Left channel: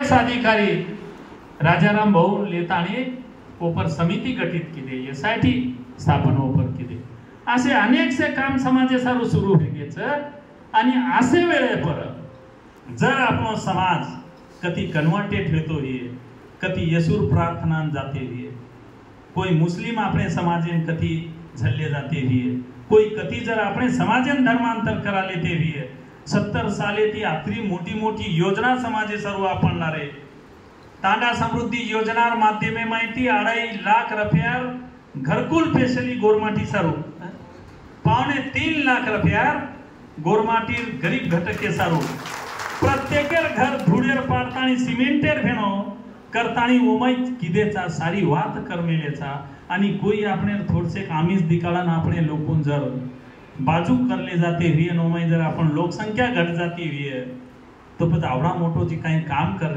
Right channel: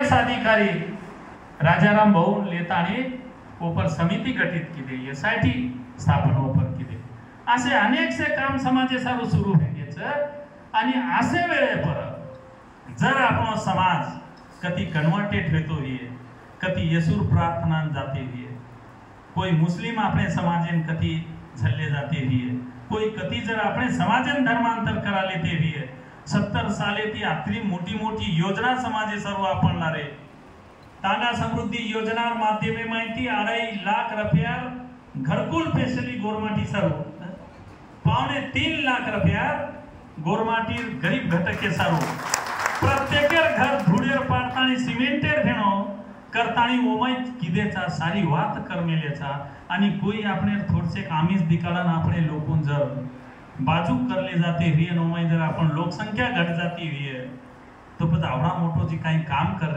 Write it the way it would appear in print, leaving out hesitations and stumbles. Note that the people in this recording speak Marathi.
अधिकारी राजाराम भाऊ लेताने ओपर समिती गठीत केली, यासाठी स्थापन ओपर केली. असे अनेकसे काम समाजासारू सुरू व्हायचं. आणि असे वेळे पर जर आपण समाज कधी कन्वर्टेड होतो ही, कधी येसूर प्रार्थना जाते ही, कोई मुस्लिम अपने समाजेन कधी झल्ले जाते ही, कोई कधी जर अपने समाजेन धर्मांतर करा लेते ही. 70 साले ती आत्री मोठी मोठी योजना समाजे सर्व आपण लारे. तांडा समृद्धी योजनार माध्यमे माहिती 2.5 लाख रुपयार घरकुल स्पेशली गोरमाटी सर्व 3.25 लाख रुपयार गोरमाटीर गरीब घटके सर्व प्रत्येकेर घर धुडेर पाडतानी सिमेंटेर भेणो करतानी ओमैत किदेचा सारी वात करमेलेचा. आणि कोई आपने थोडसे कामीज दिकाळान आपणे लोकून जर बाजू करले जाते हुए नोमय जर आपण लोकसंख्या घट जाती हुई तो पद आवडा मोठो जी काही काम कर